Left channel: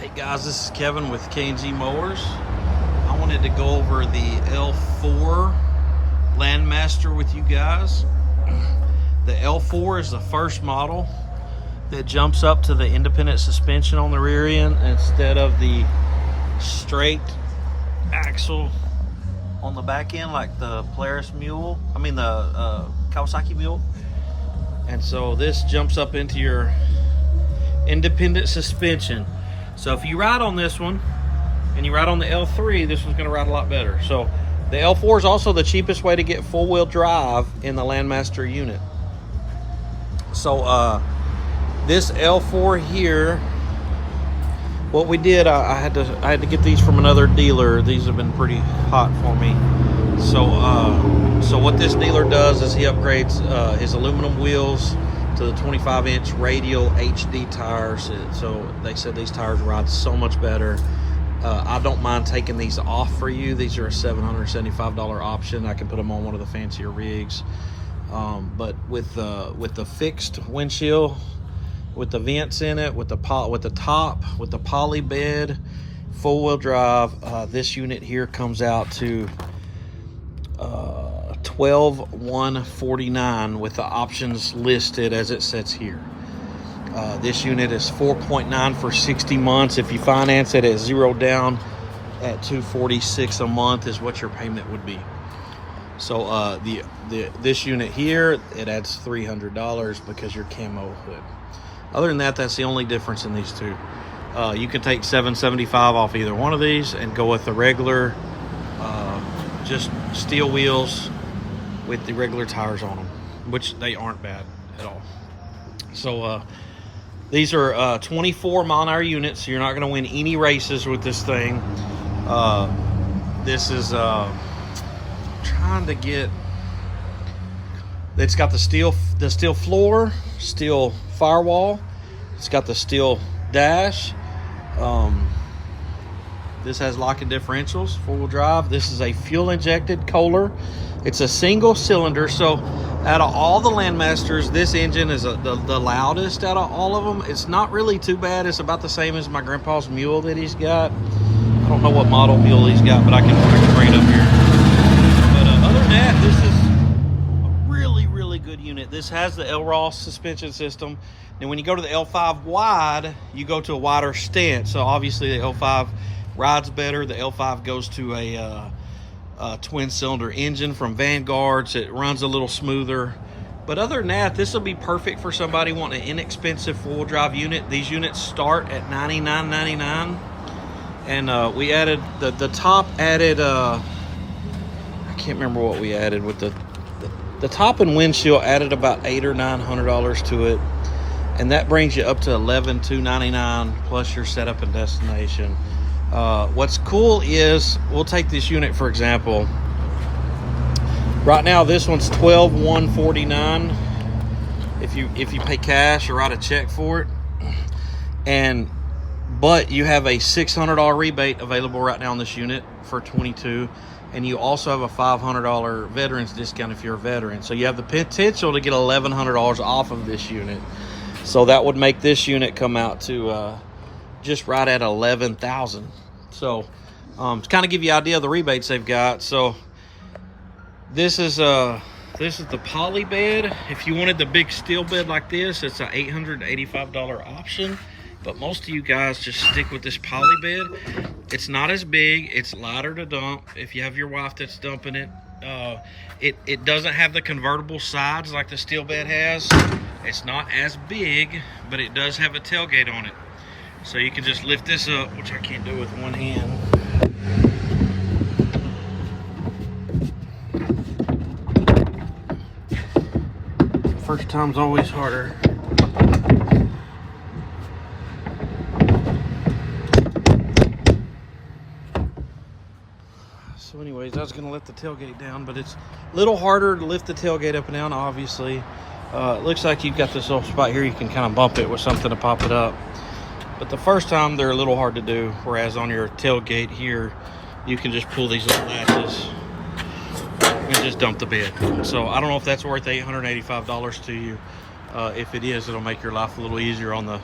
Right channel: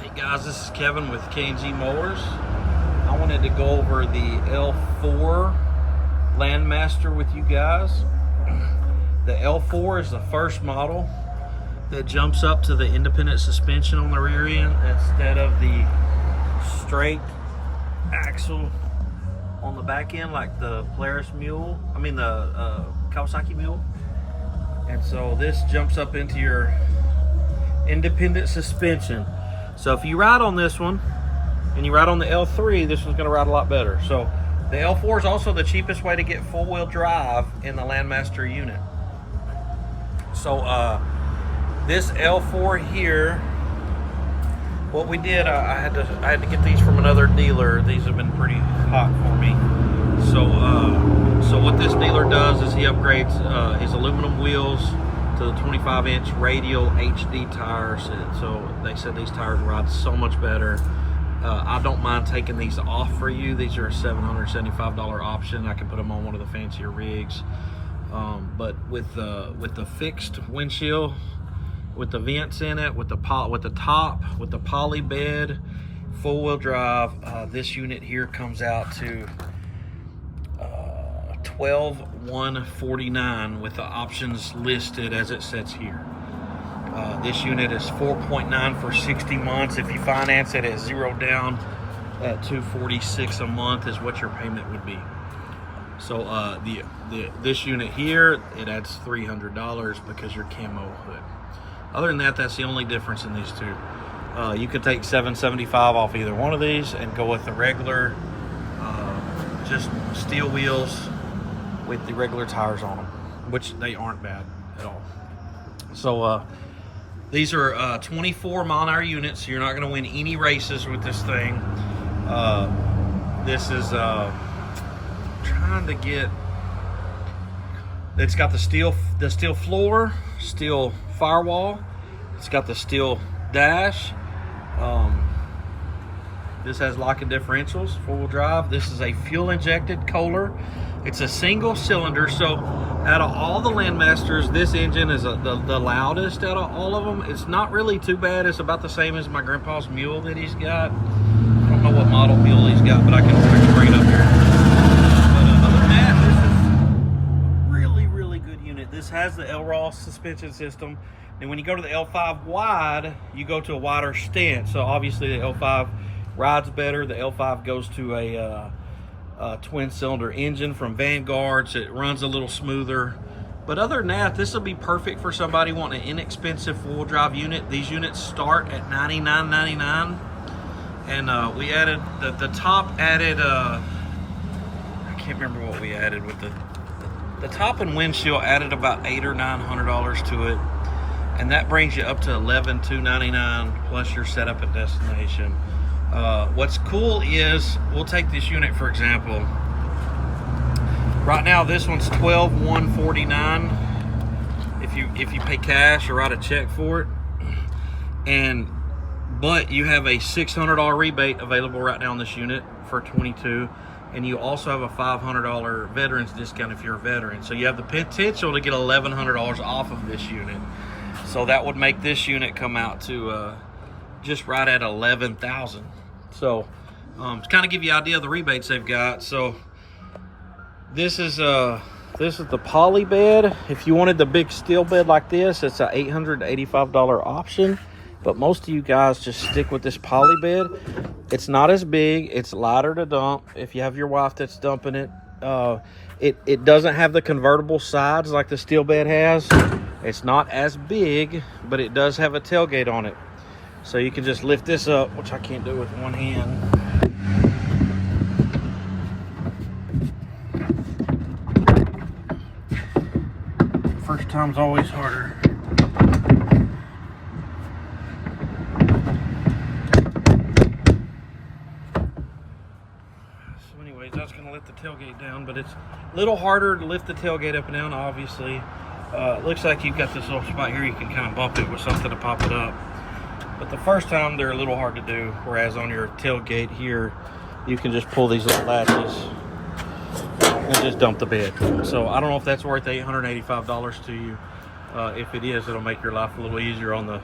Hey guys, this is Kevin with K&Z Mowers. I wanted to go over the L4 Landmaster with you guys. The L4 is the first model that jumps up to the independent suspension on the rear end instead of the straight axle on the back end like the Kawasaki mule. And so this jumps up into your independent suspension. So if you ride on this one and you ride on the L3, this one's going to ride a lot better. So the L4 is also the cheapest way to get four-wheel drive in the Landmaster unit. So this L4 here, what we did, I had to get these from another dealer. These have been pretty hot for me. So what this dealer does is he upgrades his aluminum wheels to the 25-inch radial HD tires. So they said these tires ride so much better. I don't mind taking these off for you. These are a $775 option. I can put them on one of the fancier rigs. But with the fixed windshield, with the vents in it, with the poly bed, four-wheel drive, this unit here comes out to $12,149 with the options listed as it sets here. This unit is 4.9 for 60 months. If you finance it at 0 down at $246 a month is what your payment would be. So this unit here, it adds $300 because your camo hood. Other than that, that's the only difference in these two. You can take $775 off either one of these and go with the regular just steel wheels with the regular tires on them, which they aren't bad at all. So these are 24 mile an hour units, so you're not going to win any races with this thing. This is trying to get, it's got the steel floor, steel firewall, it's got the steel dash. This has locking differentials, four-wheel drive. This is a fuel injected kohler. It's a single cylinder, so out of all the Landmasters, this engine is the loudest out of all of them. It's not really too bad. It's about the same as my grandpa's mule that he's got. I don't know what model mule he's got, but I can bring it up here. But other than that, this is a really good unit. This has the L-Ross suspension system. And when you go to the L5 wide, you go to a wider stance. So obviously the L5 rides better. The L5 goes to a twin cylinder engine from Vanguard, so it runs a little smoother. But other than that, this will be perfect for somebody wanting an inexpensive four-wheel drive unit. These units start at $99.99, and we added the top added I can't remember what we added with the top and windshield added about $800 or $900 to it, and that brings you up to $11,299 plus your setup and destination. What's cool is, we'll take this unit for example. Right now this one's $12,149 if you pay cash or write a check for it, but you have a $600 rebate available right now on this unit for $22,000, and you also have a $500 veterans discount if you're a veteran. So you have the potential to get $1,100 off of this unit. So that would make this unit come out to just right at $11,000. So to kind of give you an idea of the rebates they've got. So this is the poly bed. If you wanted the big steel bed like this, it's a $885 option, but most of you guys just stick with this poly bed. It's not as big, it's lighter to dump if you have your wife that's dumping it. It doesn't have the convertible sides like the steel bed has. It's not as big, but it does have a tailgate on it. So you can just lift this up, which I can't do with one hand. First time's always harder. So anyways, I was gonna let the tailgate down, but it's a little harder to lift the tailgate up and down, obviously. It looks like you've got this little spot here, you can kind of bump it with something to pop it up. But the first time they're a little hard to do, whereas on your tailgate here, you can just pull these little latches and just dump the bed. So I don't know if that's worth $885 to you. If it is, it'll make your life a little easier on the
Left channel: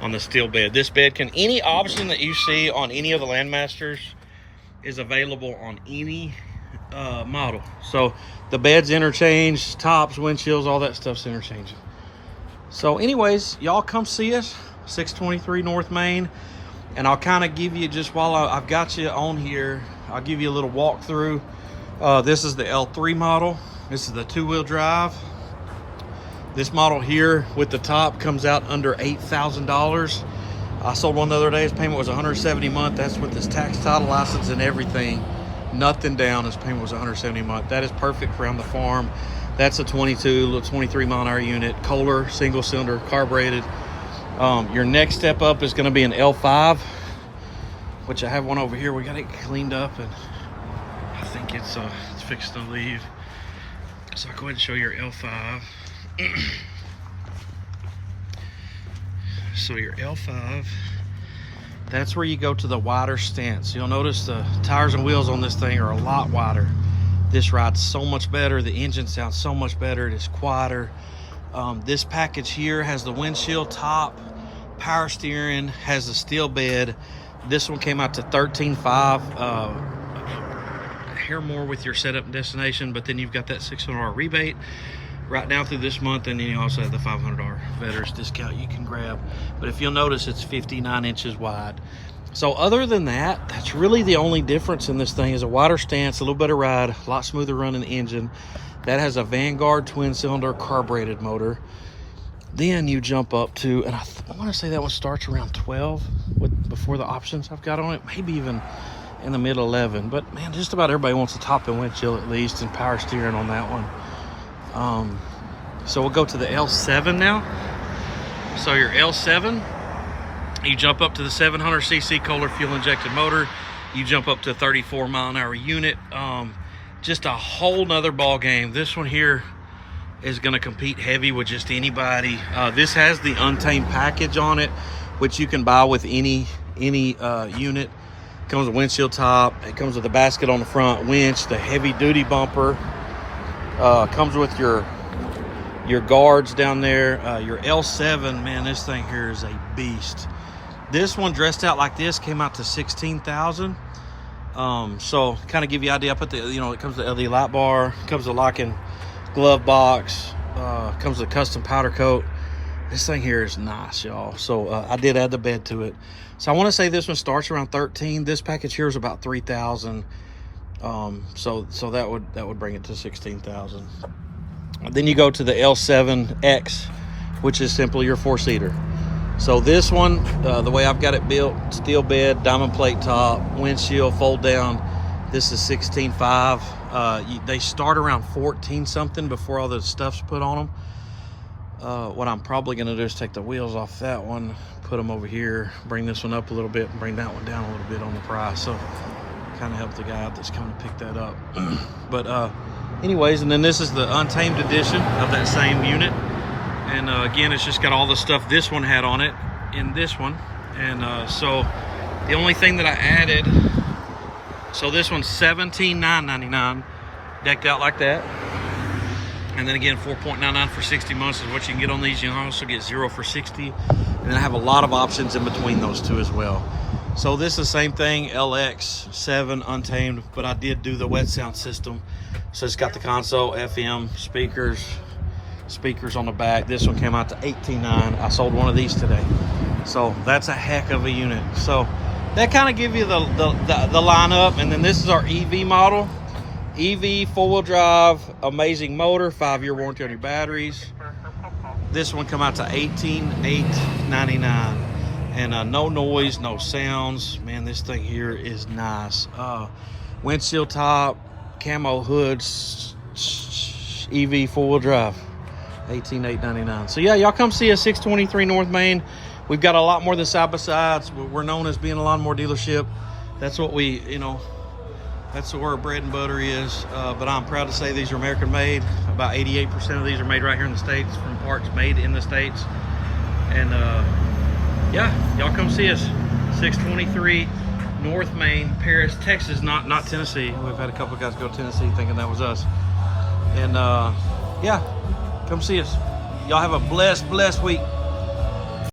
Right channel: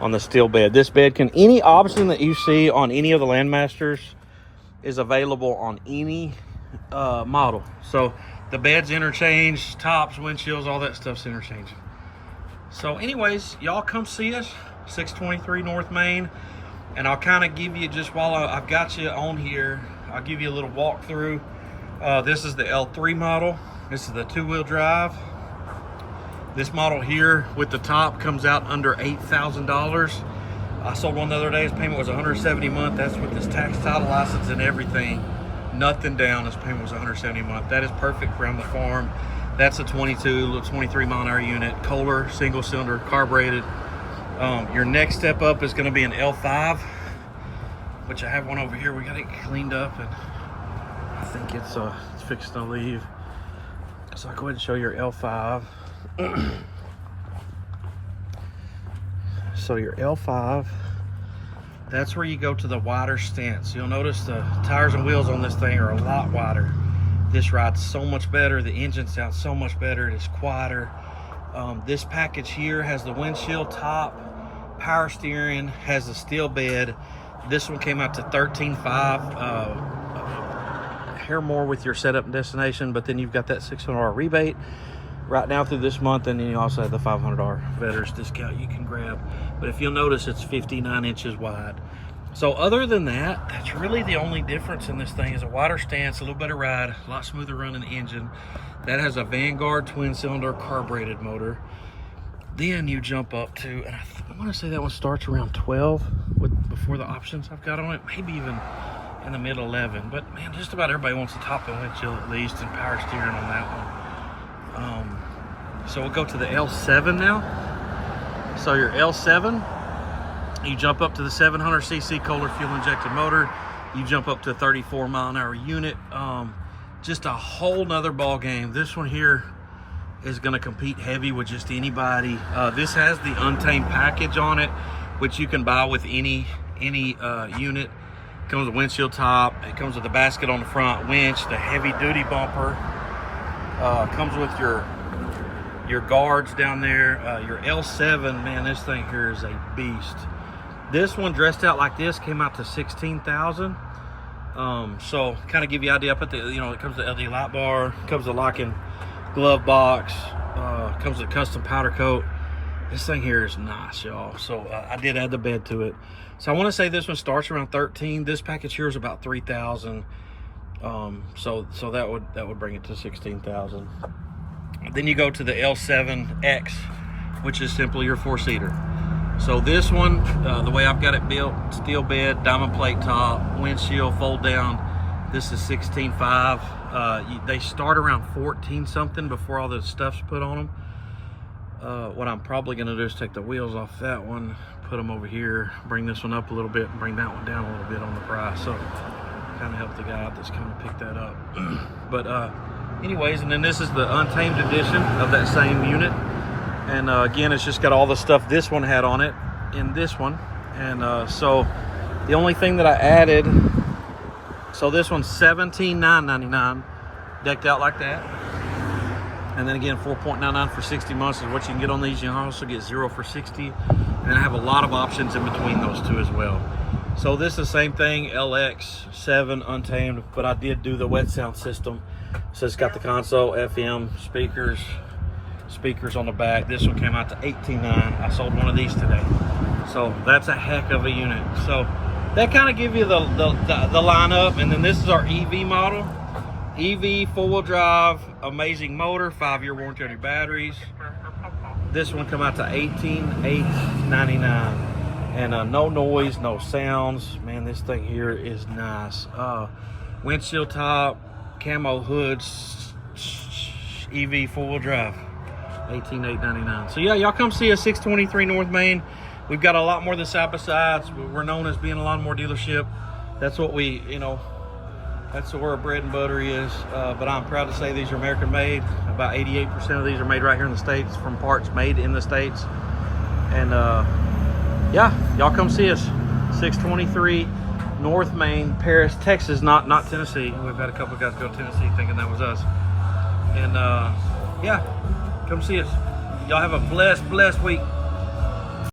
on the steel bed. This bed can, any option that you see on any of the Landmasters is available on any model. So the bed's interchanged, tops, windshields, all that stuff's interchanging. So anyways, y'all come see us, 623 North Main, and I'll kind of give you, just while I've got you on here, I'll give you a little walkthrough. This is the L3 model. This is the 2-wheel drive. This model here with the top comes out under $8,000. I sold one the other day. His payment was $170 a month. That's with his tax, title, license, and everything. Nothing down. His payment was $170 a month. That is perfect for on the farm. That's a 23 mile an hour unit, Kohler, single cylinder, carbureted. Your next step up is going to be an L5, which I have one over here. We got it cleaned up, and I think it's fixed to leave. So I'll go ahead and show your L5. So your L5, that's where you go to the wider stance. You'll notice the tires and wheels on this thing are a lot wider. This rides so much better. The engine sounds so much better. It is quieter. This package here has the windshield top, power steering, has a steel bed. This one came out to $13,500. Hair more with your setup and destination, but then you've got that $600 rebate right now through this month, and then you also have the $500 veterans discount you can grab. But if you'll notice, it's 59 inches wide. So other than that, that's really the only difference in this thing, is a wider stance, a little better ride, a lot smoother running engine. That has a Vanguard twin cylinder carbureted motor. Then you jump up to, and I want to say that one starts around 12 before the options I've got on it, maybe even in the mid 11. But man, just about everybody wants a top and windshield at least, and power steering on that one. So we'll go to the L7 now. So your L7, you jump up to the 700cc Kohler fuel injected motor. You jump up to 34 mile an hour unit. Just a whole nother ball game. This one here is going to compete heavy with just anybody. This has the Untamed Package on it, which you can buy with any unit. Comes with a windshield top. It comes with a basket on the front, winch, the heavy duty bumper. Comes with your guards down there. Your L7, man, this thing here is a beast. This one dressed out like this came out to $16,000. So kind of give you an idea. I put the, it comes with the LED light bar, comes with a locking glove box, comes with a custom powder coat. This thing here is nice, y'all. So I did add the bed to it. So I want to say this one starts around 13. This package here is about 3,000. So that would bring it to 16,000. Then you go to the L7X, which is simply your 4-seater. So this one, the way I've got it built, steel bed, diamond plate top, windshield, fold down. This is 16.5. They start around 14 something before all the stuff's put on them. What I'm probably gonna do is take the wheels off that one, put them over here, bring this one up a little bit, and bring that one down a little bit on the price. So kind of help the guy out that's coming to pick that up. But anyways, and then this is the Untamed edition of that same unit. And again, it's just got all the stuff this one had on it in this one. And so the only thing that I added, so this one's $17,999, decked out like that. And then again, $4.99 for 60 months is what you can get on these. You can also get 0 for 60. And then I have a lot of options in between those two as well. So this is the same thing, LX7 Untamed, but I did do the wet sound system. So it's got the console, FM, speakers on the back. This one came out to $18,900. I sold one of these today. So that's a heck of a unit. So that kind of give you the lineup. And then this is our EV model. EV, 4-wheel drive, amazing motor, 5-year warranty on your batteries. This one come out to $18,899. And no noise, no sounds. Man, this thing here is nice. Windshield top, camo hoods, EV 4-wheel drive, $18,899. So yeah, y'all come see us, 623 North Main. We've got a lot more than side-by-sides. We're known as being a lawnmower dealership. That's what we, that's where our bread and butter is. But I'm proud to say these are American made. About 88% of these are made right here in the States from parts made in the States. And yeah, y'all come see us, 623 North Main, Paris, Texas, not Tennessee. We've had a couple of guys go to Tennessee thinking that was us. And yeah, come see us. Y'all have a blessed week.